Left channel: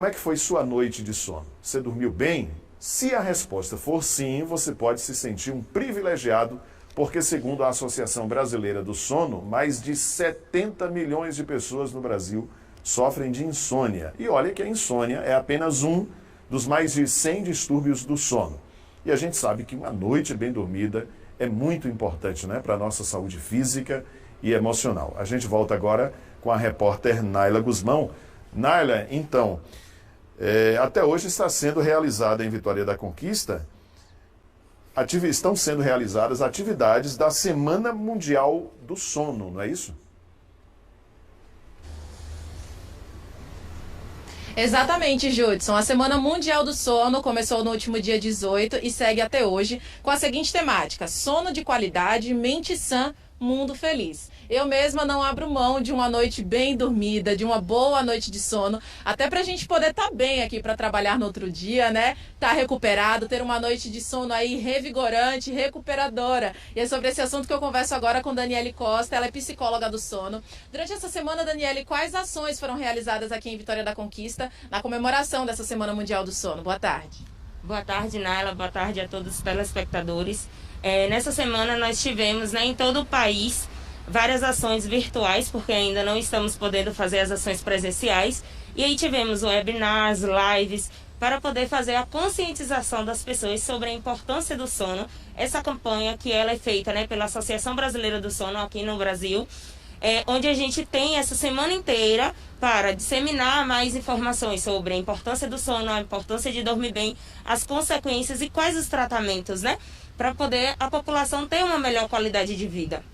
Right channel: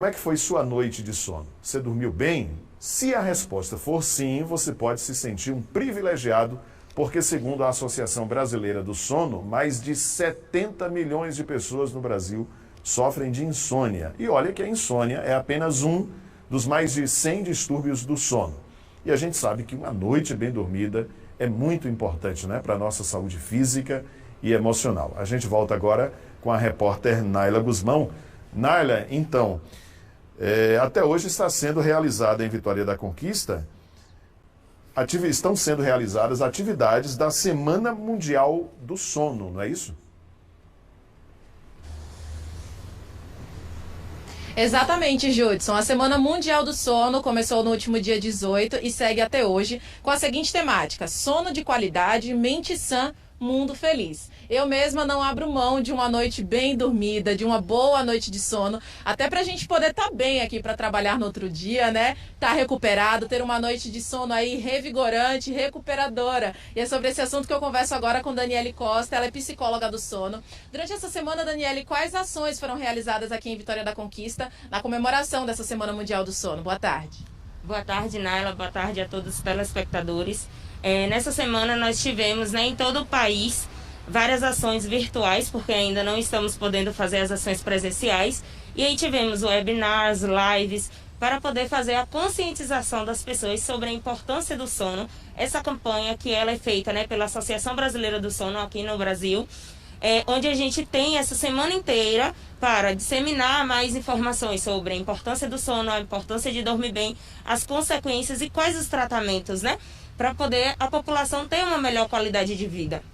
Como é que foi sua noite de sono? Você dormiu bem? Se a resposta for sim, você pode se sentir um privilegiado, porque, segundo a Associação Brasileira do Sono, mais de 70 milhões de pessoas no Brasil sofrem de insônia. E olha que a insônia é apenas um dos mais de 100 distúrbios do sono. E a gente sabe que uma noite bem dormida é muito importante, né, para a nossa saúde física e emocional. A gente volta agora com a repórter Naila Guzmão. Naila, então, até hoje está sendo realizada em Vitória da Conquista, estão sendo realizadas atividades da Semana Mundial do Sono, não é isso? Exatamente, Judson. A Semana Mundial do Sono começou no último dia 18 e segue até hoje com a seguinte temática: sono de qualidade, mente sã, mundo feliz. Eu mesma não abro mão de uma noite bem dormida, de uma boa noite de sono, até pra gente poder estar bem aqui para trabalhar no outro dia, né? Tá recuperado, ter uma noite de sono aí revigorante, recuperadora. E é sobre esse assunto que eu converso agora com Daniele Costa, ela é psicóloga do sono. Durante essa semana, Daniele, quais ações foram realizadas aqui em Vitória da Conquista na comemoração dessa Semana Mundial do Sono? Boa tarde. Boa tarde, Naila. Boa tarde a todos os telespectadores. Nessa semana nós tivemos, em todo o país várias ações virtuais, porque ainda não estamos podendo fazer as ações presenciais. E aí tivemos webinars, lives, para poder fazer a conscientização das pessoas sobre a importância do sono. Essa campanha que ela é feita pela Associação Brasileira do Sono aqui no Brasil, onde a gente tem essa semana inteira para disseminar mais informações sobre a importância do sono, a importância de dormir bem, as consequências e quais os tratamentos, para poder a população ter uma melhor qualidade de vida.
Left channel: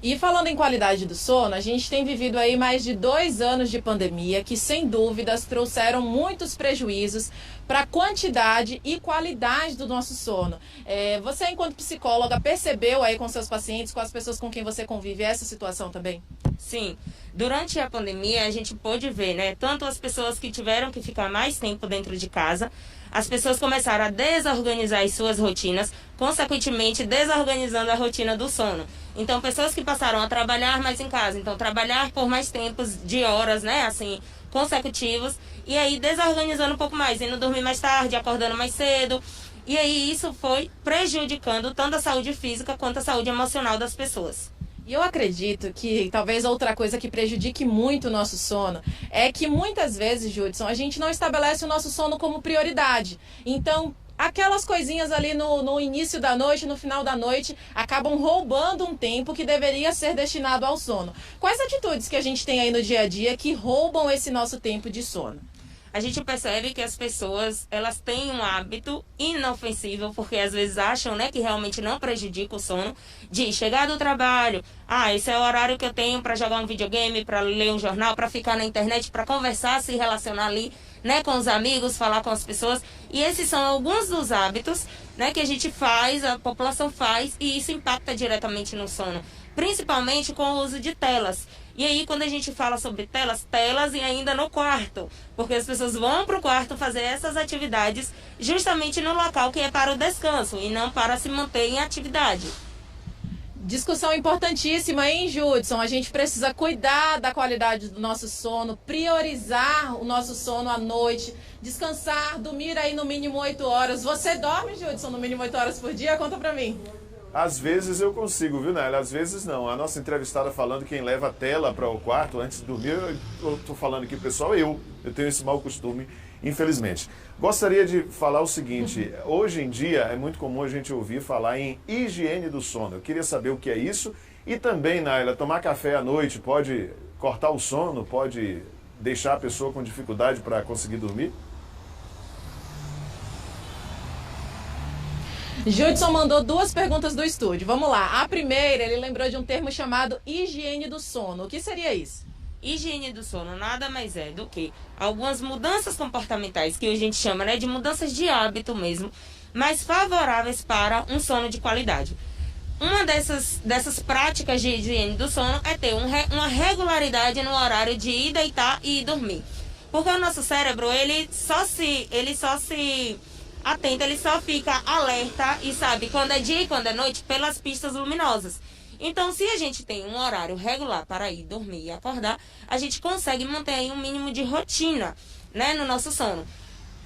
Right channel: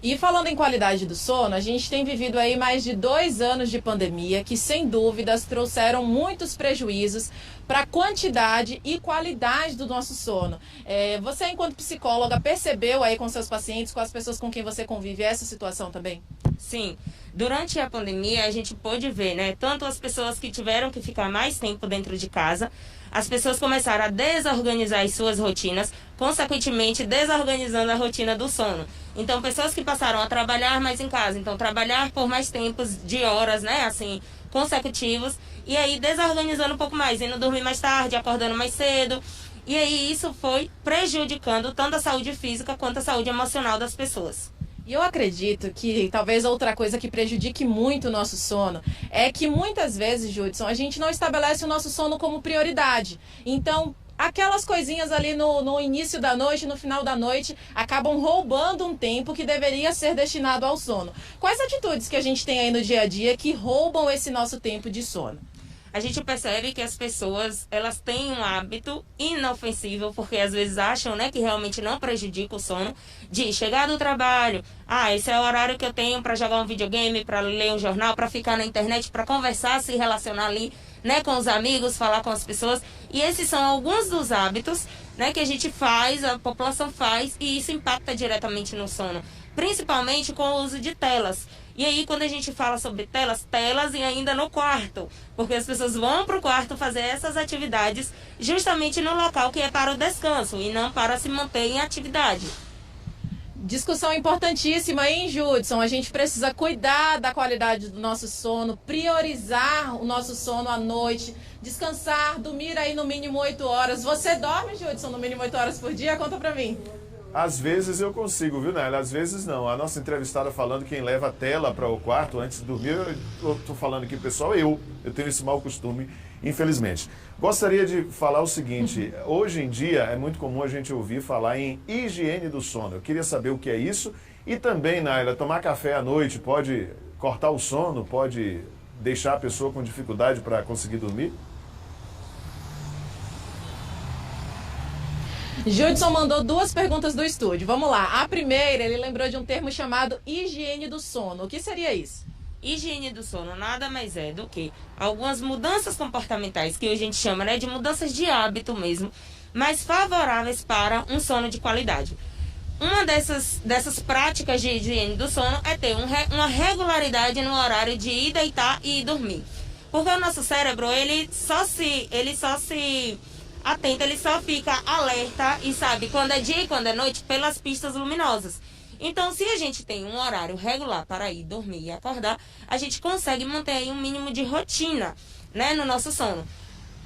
E falando em qualidade do sono, a gente tem vivido aí mais de 2 anos de pandemia que, sem dúvidas, trouxeram muitos prejuízos para a quantidade e qualidade do nosso sono. Você, enquanto psicóloga, percebeu aí com seus pacientes, com as pessoas com quem você convive, essa situação também? Sim. Durante a pandemia, a gente pôde ver, tanto as pessoas que tiveram que ficar mais tempo dentro de casa, as pessoas começaram a desorganizar as suas rotinas, consequentemente desorganizando a rotina do sono. Então, pessoas que passaram a trabalhar mais em casa, então trabalhar por mais tempos de horas, consecutivos, e aí desorganizando um pouco mais, indo dormir mais tarde, acordando mais cedo. E aí isso foi prejudicando tanto a saúde física quanto a saúde emocional das pessoas. E eu acredito que talvez outra coisa que prejudique muito o nosso sono é que muitas vezes, Judson, a gente não estabelece o nosso sono como prioridade. Então, aquelas coisinhas ali no início da noite, no final da noite, acabam roubando um tempo que deveria ser destinado ao sono. Quais atitudes que a gente tem aí no dia a dia que roubam esse nosso tempo de sono? A gente percebe que as pessoas, elas têm um hábito inofensível, porque às vezes acham, que realmente não prejudica o sono, de chegar do trabalho, esse é o horário que eu tenho para jogar um videogame, para ler um jornal, para ficar na internet, para conversar, se relacionar ali, com os amigos, falar com as pessoas. E esses são alguns dos hábitos, que a gente faz, a população faz, e isso impacta diretamente no sono, principalmente com o uso de telas. E aí, quando a gente fala sobre telas e ainda no quarto, porque as pessoas vão para o quarto fazer essas atividades justamente no local que é para o descanso e não para se manter em atividade. Discussão importantíssima, hein, Judson? A gente precisa cuidar da qualidade do nosso sono, priorizar o nosso sono à noite, descansar, dormir aí no mínimo 8 horas. Você dorme, Judson, no mínimo 8 horas por dia? Conta pra mim. Às vezes eu consigo, viu, Nélia? Às vezes não. A nossa entrevistada falando quem leva a tela para o quarto antes de dormir, eu estou falando aqui, pessoal, eu tenho esse mau costume, infelizmente. Gostaria de falar o seguinte: hoje em dia é muito comum a gente ouvir falar em higiene do sono. Eu queria saber o que é isso e também, Nélia, tomar café à noite pode cortar o sono, pode deixar a pessoa com dificuldade para conseguir dormir? Judson mandou 2 perguntas do estúdio. Vamos lá. A primeira, ele lembrou de um termo chamado higiene do sono. O que seria isso? Higiene do sono nada mais é do que algumas mudanças comportamentais, que a gente chama de mudanças de hábito mesmo, mais favoráveis para um sono de qualidade. Uma dessas práticas de higiene do sono é ter uma regularidade no horário de ir deitar e ir dormir. Porque o nosso cérebro, ele só se atento, ele só fica alerta e sabe quando é dia e quando é noite pelas pistas luminosas. Então, se a gente tem um horário regular para ir dormir e acordar, a gente consegue manter aí um mínimo de rotina. né, no nosso sono.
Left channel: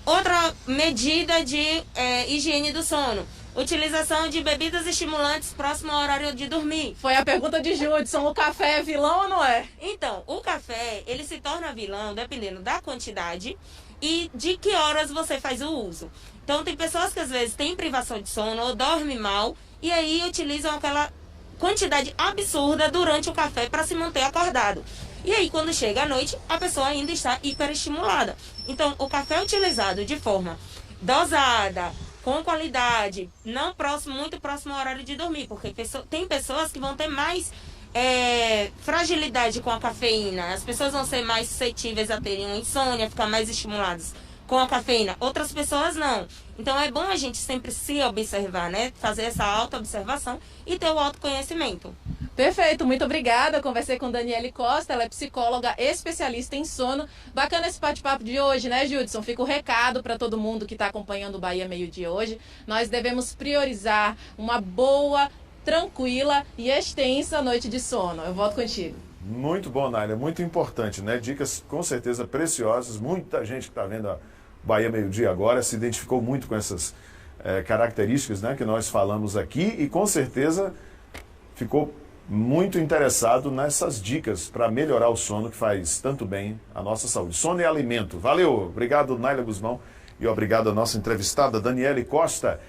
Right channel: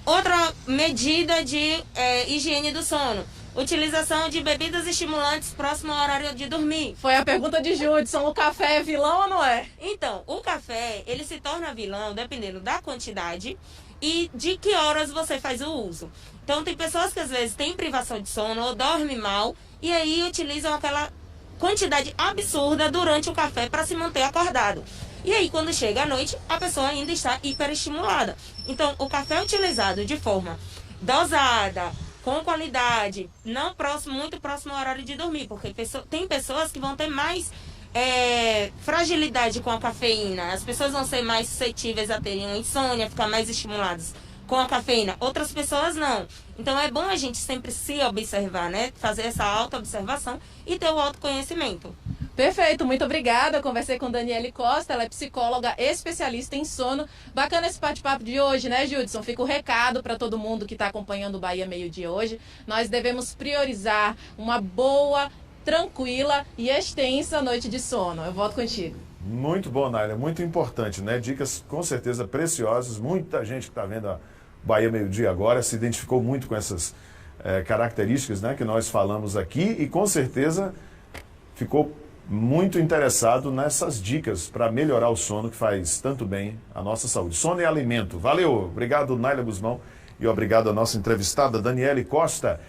Outra medida de higiene do sono: utilização de bebidas estimulantes próximo ao horário de dormir. Foi a pergunta de Judson, o café é vilão ou não é? Então, o café, ele se torna vilão dependendo da quantidade e de que horas você faz o uso. Então, tem pessoas que às vezes têm privação de sono ou dormem mal e aí utilizam aquela quantidade absurda durante o café para se manter acordado. E aí, quando chega à noite, a pessoa ainda está hiperestimulada. Então, o café utilizado de forma dosada, com qualidade, não muito próximo ao horário de dormir, porque tem pessoas que vão ter mais fragilidade com a cafeína. As pessoas vão ser mais suscetíveis a terem uma insônia, ficar mais estimuladas com a cafeína. Outras pessoas não. Então é bom a gente sempre se observar, né? Fazer essa auto-observação e ter o autoconhecimento. Perfeito, muito obrigada. Eu conversei com Daniele Costa, ela é psicóloga especialista em sono. Bacana esse bate-papo de hoje, né, Judson? Fica o recado para todo mundo que está acompanhando o Bahia Meio-Dia hoje. Nós devemos priorizar uma boa, tranquila e extensa noite de sono. Eu volto contigo. Muito bom, Nália, muito importante, né? Dicas com certeza preciosas. Muita gente que está vendo a Bahia Meio-Dia agora se identificou muito com essas características, né, que nós falamos aqui e com certeza ficou muito interessado nessas dicas para melhorar o sono, que faz tanto bem à nossa saúde. Sono é alimento. Valeu, obrigado, Nália Guzmão, e obrigado à nossa entrevistada, Daniele Costa.